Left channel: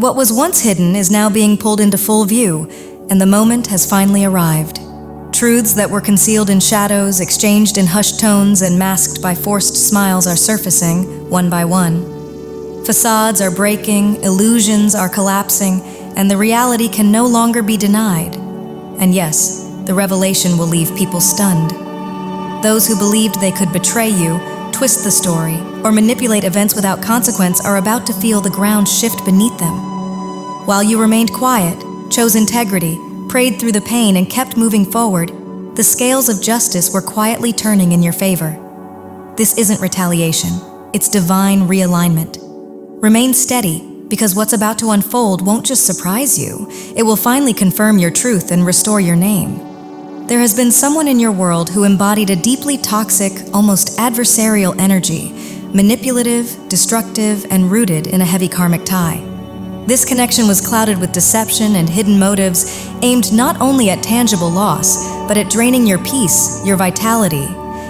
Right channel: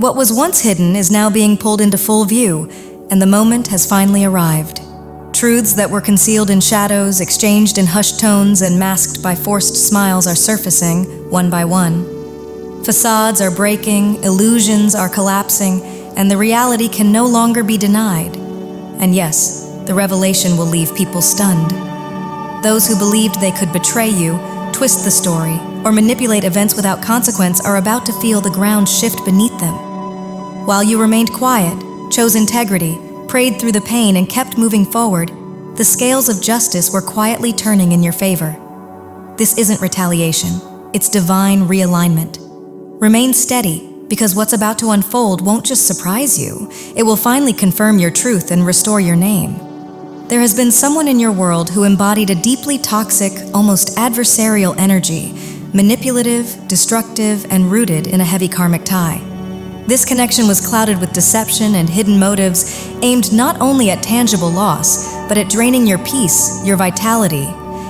What was once hidden is now being pulled into full view, and the moment has finally arrived. Truths that were concealed in shadows, exchanged in hushed tones, and masked by forced smiles are surfacing, one by one. Facades are breaking, illusions are collapsing, and the reality can no longer be denied. And yes, the revelation will leave people stunned. Those who believed they could betray you, twist the story, or manipulate events without consequence are about to feel the ground shift beneath them. While you remained quiet, chose integrity, prayed through the pain, and kept moving forward, the scales of justice were quietly turning in your favor. This isn't retaliation, it's divine realignment. Remain steady, because what's about to unfold won't just surprise you, it will finally confirm your truth and restore your name. There has been someone in your world who embodied a deeply toxic, almost adversarial energy, manipulative, destructive, and rooted in a heavy karmic tie. This connection was clouded with deception and hidden motives aimed not only at tangible loss, but at draining your peace, your vitality,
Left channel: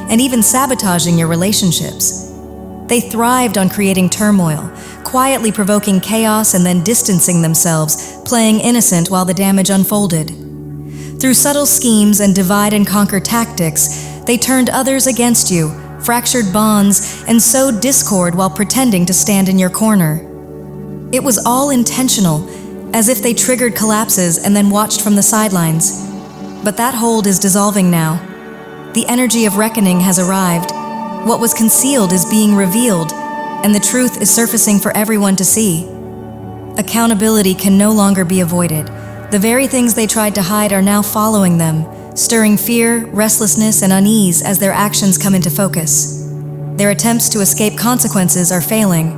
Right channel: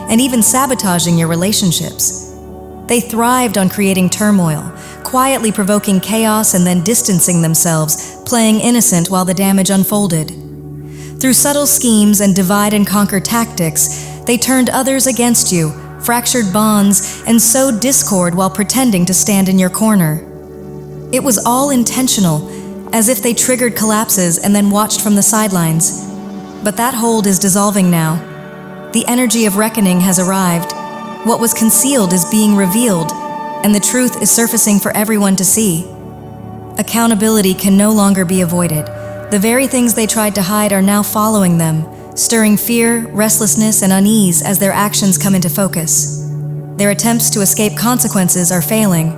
and even sabotaging your relationships. They thrived on creating turmoil, quietly provoking chaos and then distancing themselves, playing innocent while the damage unfolded. Through subtle schemes and divide-and-conquer tactics, they turned others against you, fractured bonds, and sowed discord while pretending to stand in your corner. It was all intentional, as if they triggered collapses and then watched from the sidelines. But that hold is dissolving now. The energy of reckoning has arrived. What was concealed is being revealed, and the truth is surfacing for everyone to see. Accountability can no longer be avoided. The very things they tried to hide are now following them, stirring fear, restlessness, and unease as their actions come into focus. Their attempts to escape consequences are failing.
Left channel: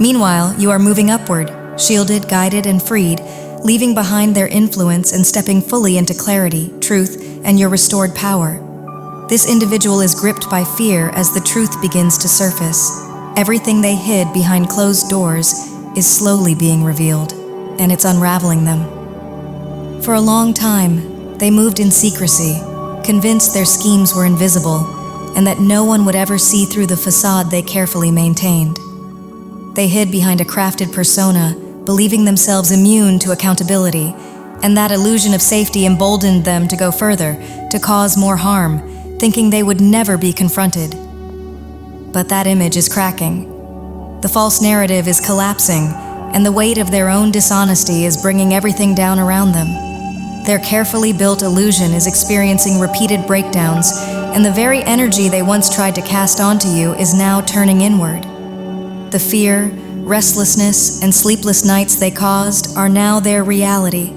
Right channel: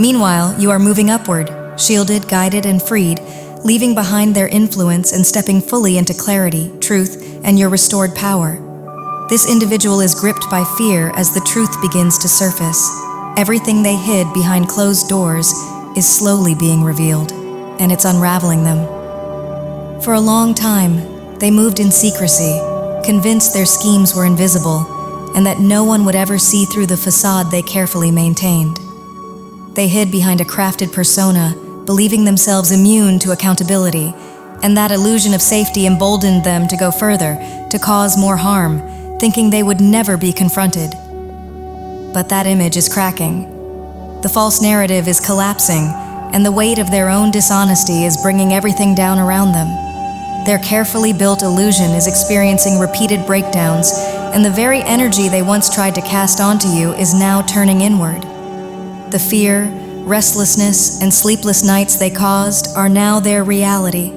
Meanwhile, you are moving upward, shielded, guided, and freed, leaving behind their influence and stepping fully into clarity, truth, and your restored power. This individual is gripped by fear as the truth begins to surface. Everything they hid behind closed doors is slowly being revealed, and it's unraveling them. For a long time, they moved in secrecy, convinced their schemes were invisible, and that no one would ever see through the facade they carefully maintained. They hid behind a crafted persona, believing themselves immune to accountability, and that illusion of safety emboldened them to go further, to cause more harm, thinking they would never be confronted. But that image is cracking. The false narrative is collapsing, and the weight of their own dishonesty is bringing everything down around them. Their carefully built illusion is experiencing repeated breakdowns, and the very energy they once tried to cast onto you is now turning inward. The fear, restlessness, and sleepless nights they caused are now their reality.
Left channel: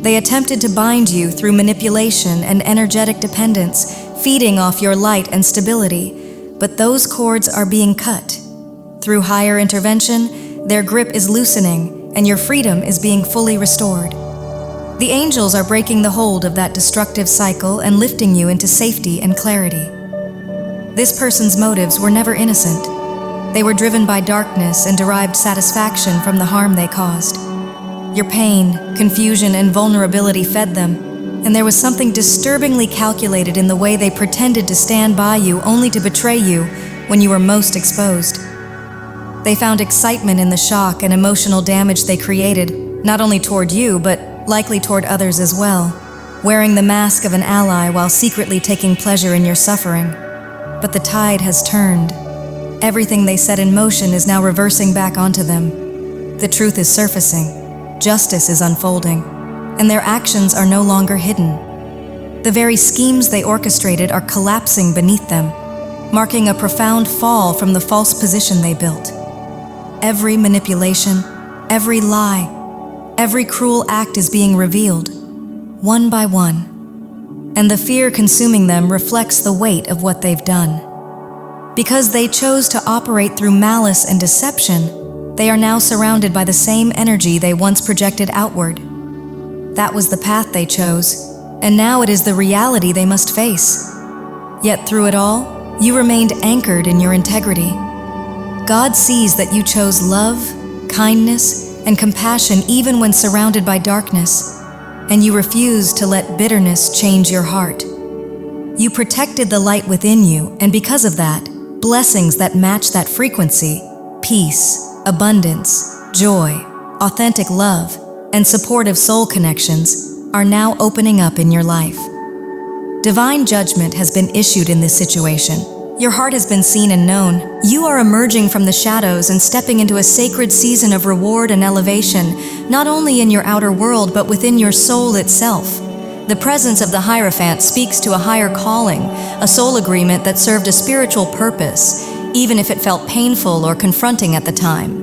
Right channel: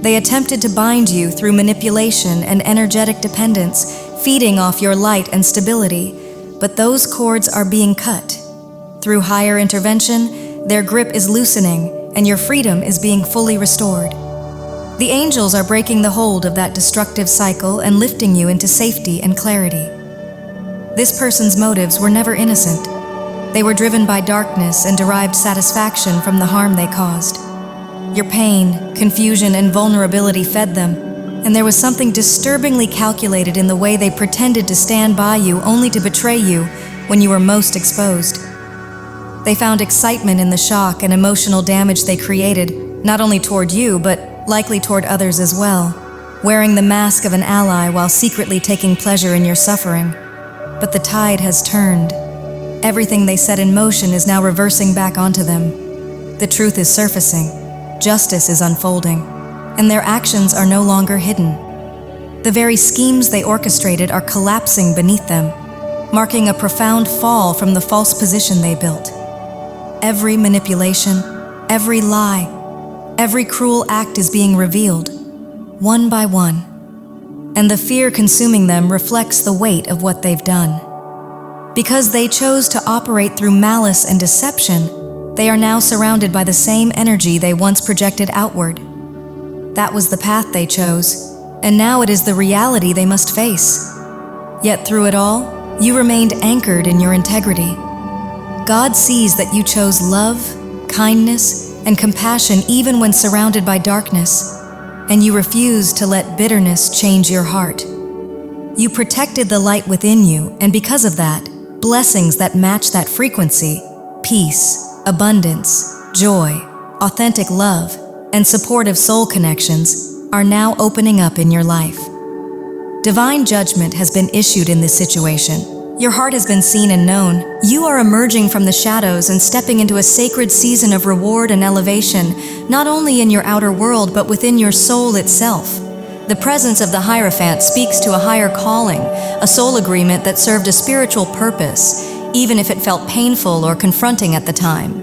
They attempted to bind you through manipulation and energetic dependence, feeding off your light and stability, but those cords are being cut. Through higher intervention, their grip is loosening, and your freedom is being fully restored. The angels are breaking the hold of that destructive cycle and lifting you into safety and clarity. This person's motives were never innocent. They were driven by darkness and derived satisfaction from the harm they caused. Your pain, confusion, and vulnerability fed them, and there was something disturbingly calculated in the way they pretended to stand by you only to betray you when you were most exposed. They found excitement in the shock and emotional damage they created, not only toward you, but likely toward others as well, wearing the mask of an ally while secretly taking pleasure in your suffering. But the tide has turned. Everything they set in motion is now reversing back onto them. The truth is surfacing, justice is unfolding, and their actions are no longer hidden. The very schemes they orchestrated are collapsing beneath them, marking a profound fall from the false position they built. Every manipulation, every lie, every cruel act is being revealed, one by one, and the fear consuming them reflects the weight of what they've done. Because they chose to operate through malice and deception, they are now surrounded by the same energy they once projected outward. That was the path they chose, and now it is the reality they must face. Yet through it all, you remained anchored in your integrity. God sees that you chose love, kindness, and compassion even when surrounded by darkness, and you refused to let bitterness change your heart. You protected the light within you, and because of that, blessings that match that frequency, peace, abundance, joy, authentic love, and supportive soul connections are now opening up in your life. Divine judgment has been issued in this situation. Your heart has been seen and known. You are emerging from the shadows and stepping into a sacred season of reward and elevation, not only in your outer world, but within your soul itself. The presence of the Hierophant speaks to a higher calling, a soul agreement that served a spiritual purpose, even if it felt painful or confronting at the time.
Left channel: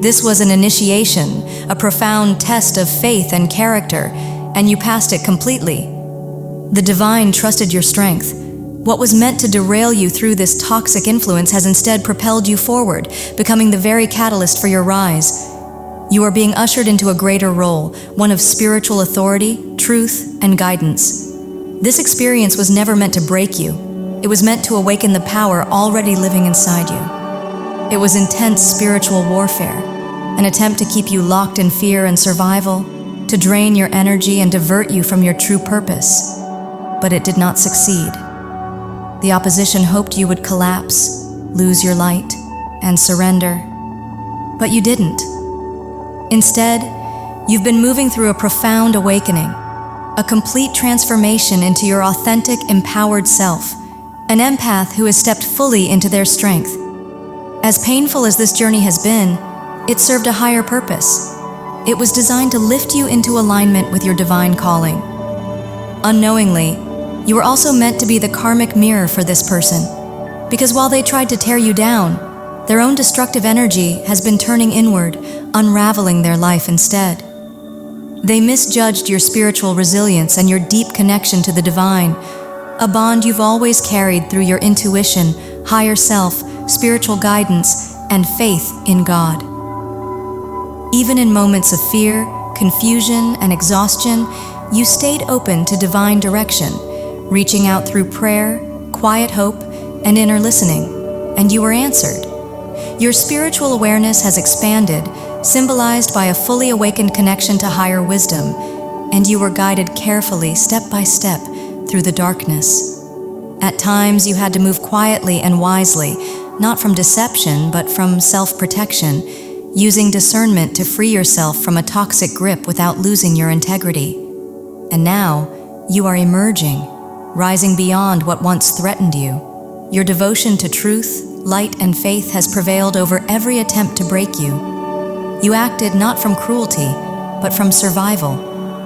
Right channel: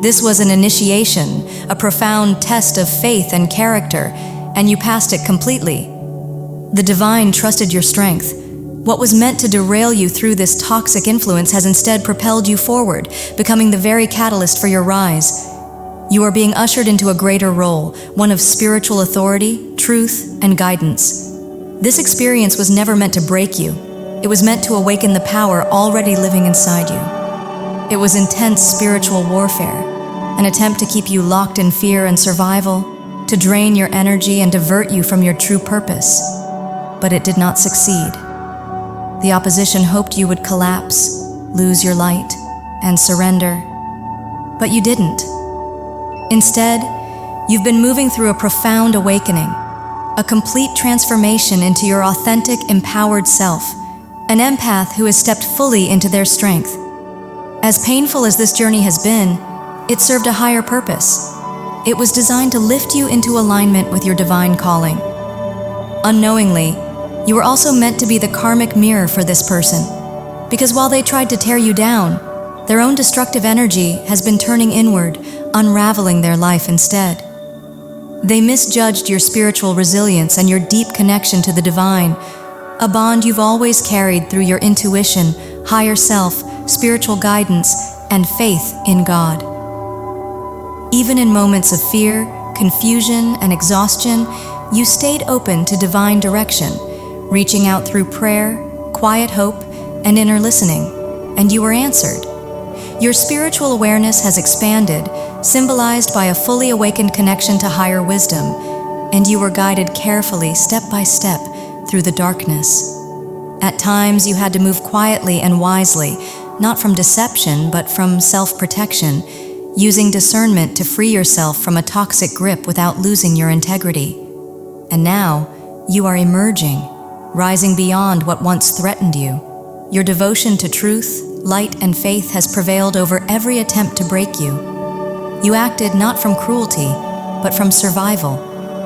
This was an initiation, a profound test of faith and character, and you passed it completely. The divine trusted your strength. What was meant to derail you through this toxic influence has instead propelled you forward, becoming the very catalyst for your rise. You are being ushered into a greater role, one of spiritual authority, truth, and guidance. This experience was never meant to break you. It was meant to awaken the power already living inside you. It was intense spiritual warfare, an attempt to keep you locked in fear and survival, to drain your energy and divert you from your true purpose. But it did not succeed. The opposition hoped you would collapse, lose your light, and surrender. But you didn't. Instead, you've been moving through a profound awakening, a complete transformation into your authentic, empowered self, an empath who has stepped fully into their strength. As painful as this journey has been, it served a higher purpose. It was designed to lift you into alignment with your divine calling. Unknowingly, you were also meant to be the karmic mirror for this person, because while they tried to tear you down, their own destructive energy has been turning inward, unraveling their life instead. They misjudged your spiritual resilience and your deep connection to the divine, a bond you've always carried through your intuition, higher self, spiritual guidance, and faith in God. Even in moments of fear, confusion, and exhaustion, you stayed open to divine direction, reaching out through prayer, quiet hope, and inner listening, and you were answered. Your spiritual awareness has expanded, symbolized by a fully awakened connection to higher wisdom, and you were guided carefully, step by step, through the darkness. At times, you had to move quietly and wisely, not from deception, but from self-protection, using discernment to free yourself from a toxic grip without losing your integrity. And now, you are emerging, rising beyond what once threatened you. Your devotion to truth, light, and faith has prevailed over every attempt to break you. You acted not from cruelty, but from survival,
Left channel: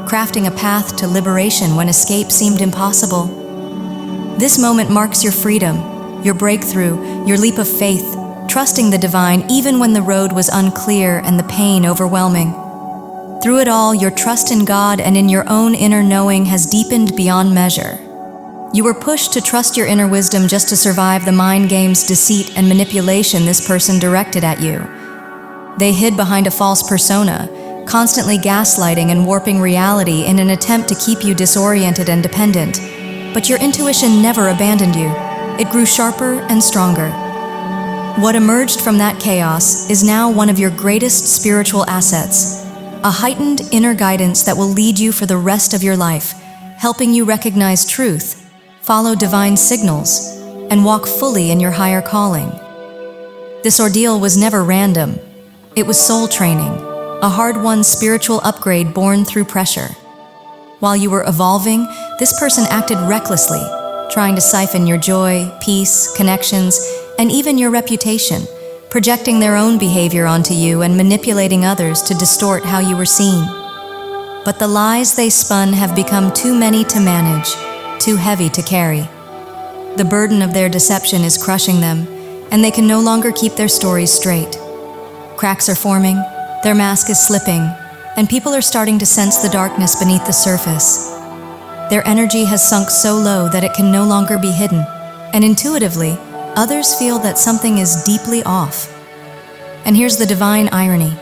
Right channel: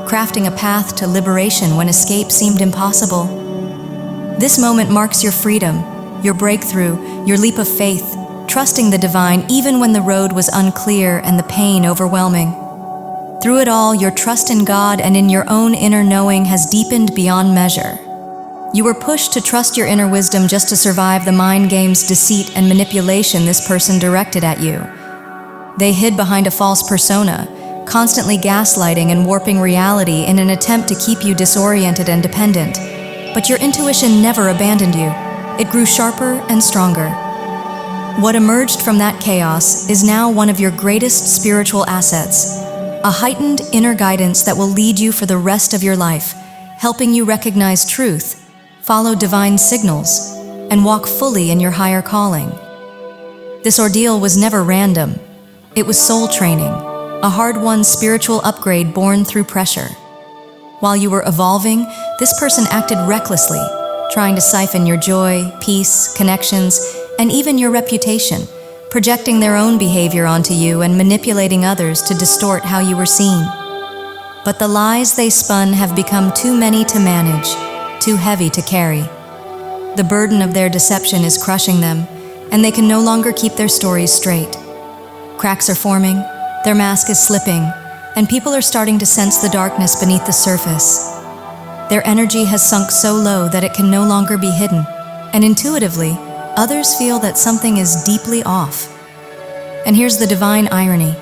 crafting a path to liberation when escape seemed impossible. This moment marks your freedom, your breakthrough, your leap of faith, trusting the divine even when the road was unclear and the pain overwhelming. Through it all, your trust in God and in your own inner knowing has deepened beyond measure. You were pushed to trust your inner wisdom just to survive the mind games, deceit, and manipulation this person directed at you. They hid behind a false persona, constantly gaslighting and warping reality in an attempt to keep you disoriented and dependent. But your intuition never abandoned you. It grew sharper and stronger. What emerged from that chaos is now one of your greatest spiritual assets, a heightened inner guidance that will lead you for the rest of your life, helping you recognize truth, follow divine signals, and walk fully in your higher calling. This ordeal was never random. It was soul training, a hard-won spiritual upgrade born through pressure. While you were evolving, this person acted recklessly, trying to siphon your joy, peace, connections, and even your reputation, projecting their own behavior onto you and manipulating others to distort how you were seen. But the lies they spun have become too many to manage, too heavy to carry. The burden of their deception is crushing them, and they can no longer keep their stories straight. Cracks are forming, their mask is slipping, and people are starting to sense the darkness beneath the surface. Their energy has sunk so low that it can no longer be hidden, and intuitively, others feel that something is deeply off. And here's the divine irony.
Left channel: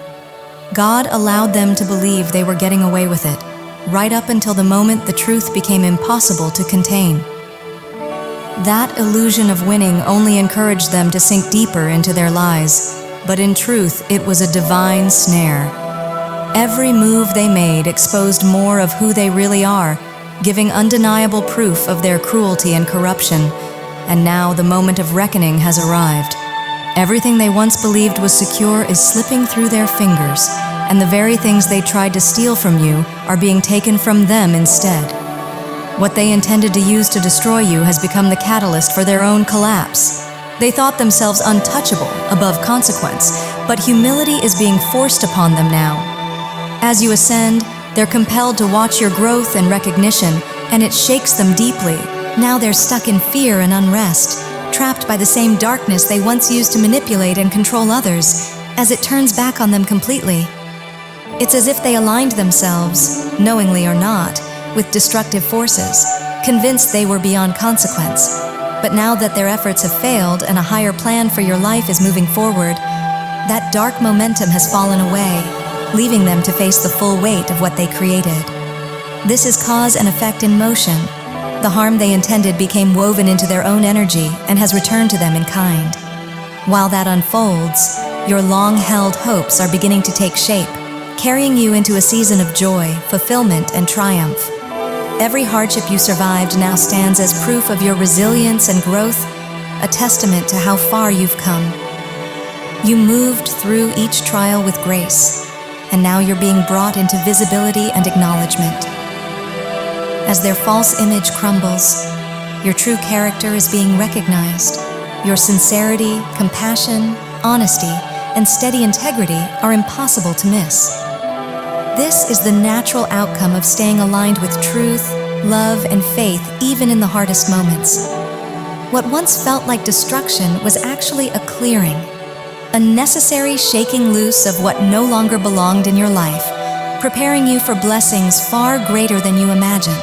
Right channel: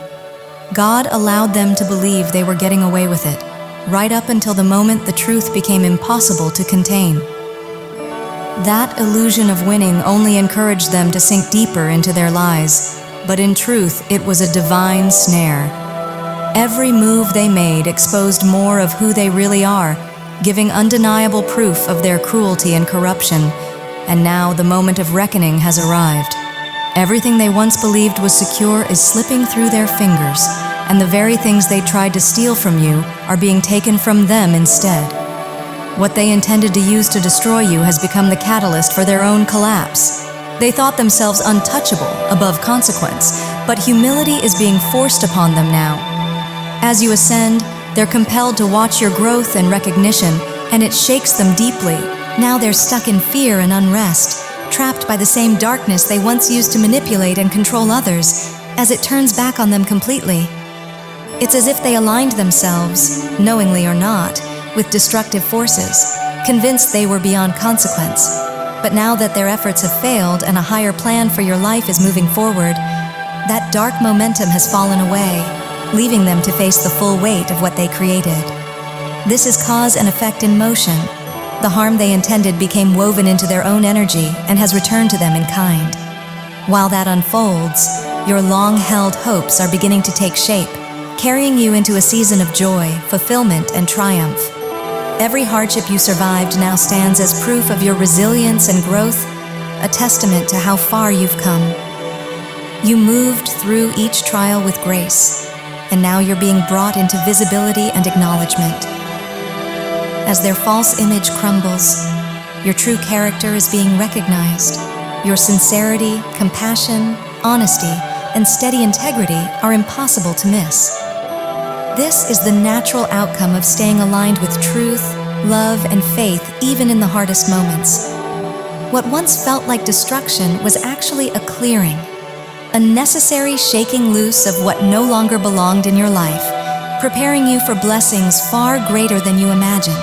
God allowed them to believe they were getting away with it, right up until the moment the truth became impossible to contain. That illusion of winning only encouraged them to sink deeper into their lies, but in truth, it was a divine snare. Every move they made exposed more of who they really are, giving undeniable proof of their cruelty and corruption. And now the moment of reckoning has arrived. Everything they once believed was secure is slipping through their fingers, and the very things they tried to steal from you are being taken from them instead. What they intended to use to destroy you has become the catalyst for their own collapse. They thought themselves untouchable, above consequence, but humility is being forced upon them now. As you ascend, they're compelled to watch your growth and recognition, and it shakes them deeply. Now they're stuck in fear and unrest, trapped by the same darkness they once used to manipulate and control others, as it turns back on them completely. It's as if they aligned themselves, knowingly or not, with destructive forces, convinced they were beyond consequence. But now that their efforts have failed and a higher plan for your life is moving forward, that dark momentum has fallen away, leaving them to face the full weight of what they created. This is cause and effect in motion. The harm they intended became woven into their own energy and has returned to them in kind. While that unfolds, your long-held hopes are beginning to take shape, carrying you into a season of joy, fulfillment, and triumph. Every hardship you survived now stands as proof of your resilience and growth, a testament to how far you've come. You moved through each trial with grace, and now you're being brought into visibility and acknowledgement. As their false image crumbles, your true character is being recognized. Your sincerity, compassion, honesty, and steady integrity are impossible to miss. This is the natural outcome of staying aligned with truth, love, and faith even in the hardest moments. What once felt like destruction was actually a clearing, a necessary shaking loose of what no longer belonged in your life, preparing you for blessings far greater than you imagined.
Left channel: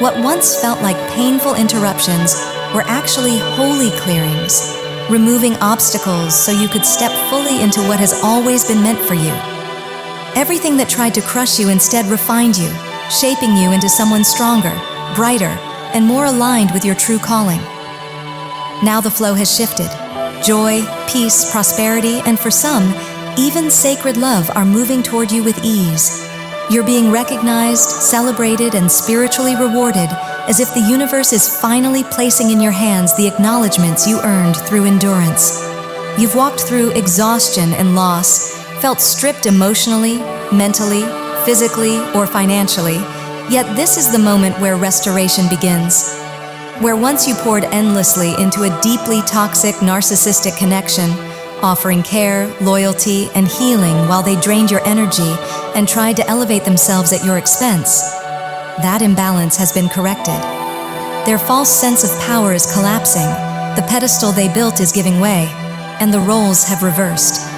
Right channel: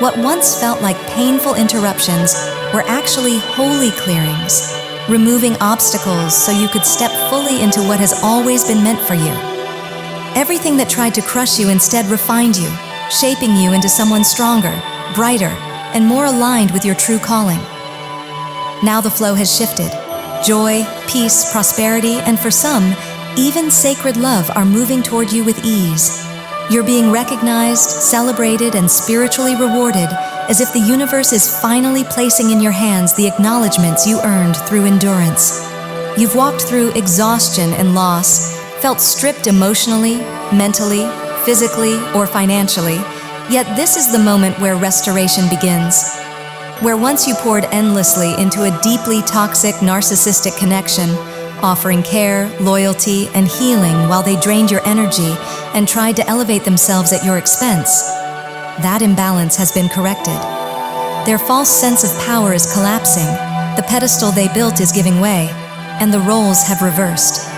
What once felt like painful interruptions were actually holy clearings, removing obstacles so you could step fully into what has always been meant for you. Everything that tried to crush you instead refined you, shaping you into someone stronger, brighter, and more aligned with your true calling. Now the flow has shifted. Joy, peace, prosperity, and for some, even sacred love are moving toward you with ease. You're being recognized, celebrated, and spiritually rewarded, as if the universe is finally placing in your hands the acknowledgments you earned through endurance. You've walked through exhaustion and loss, felt stripped emotionally, mentally, physically, or financially, yet this is the moment where restoration begins. Where once you poured endlessly into a deeply toxic narcissistic connection, offering care, loyalty, and healing while they drained your energy and tried to elevate themselves at your expense, that imbalance has been corrected. Their false sense of power is collapsing, the pedestal they built is giving way, and the roles have reversed.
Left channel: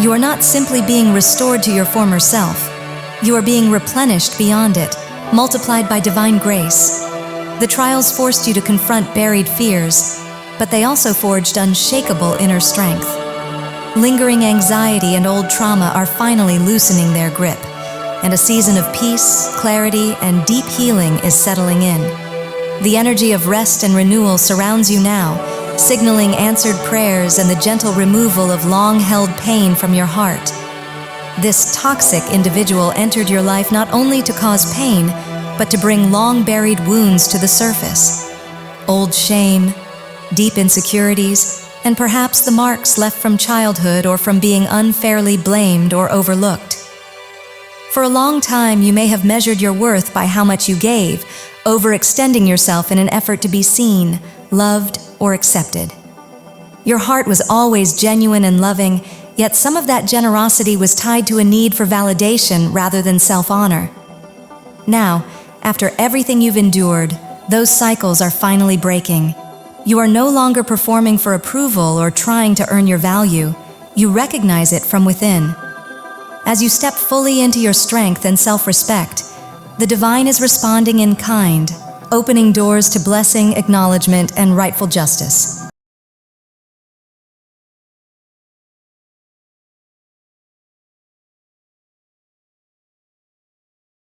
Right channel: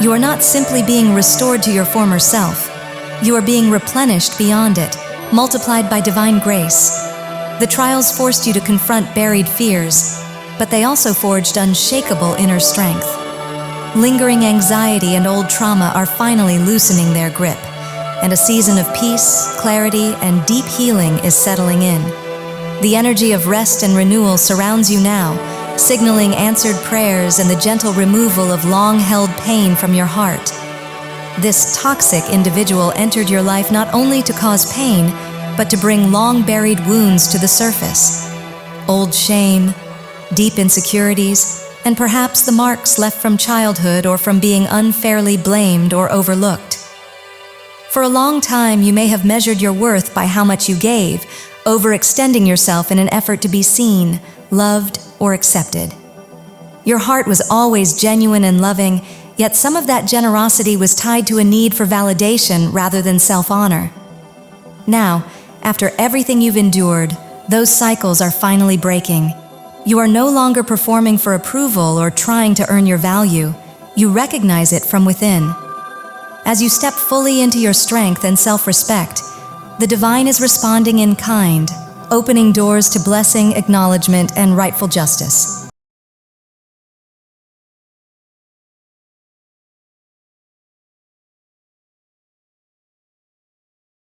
You are not simply being restored to your former self. You are being replenished beyond it, multiplied by divine grace. The trials forced you to confront buried fears, but they also forged unshakable inner strength. Lingering anxiety and old trauma are finally loosening their grip, and a season of peace, clarity, and deep healing is settling in. The energy of rest and renewal surrounds you now, signaling answered prayers and the gentle removal of long-held pain from your heart. This toxic individual entered your life not only to cause pain, but to bring long-buried wounds to the surface. Old shame, deep insecurities, and perhaps the marks left from childhood or from being unfairly blamed or overlooked. For a long time, you may have measured your worth by how much you gave, overextending yourself in an effort to be seen, loved, or accepted. Your heart was always genuine and loving, yet some of that generosity was tied to a need for validation rather than self-honor. Now, after everything you've endured, those cycles are finally breaking. You are no longer performing for approval or trying to earn your value. You recognize it from within. As you step fully into your strength and self-respect, the divine is responding in kind, opening doors to blessing, acknowledgement, and rightful justice.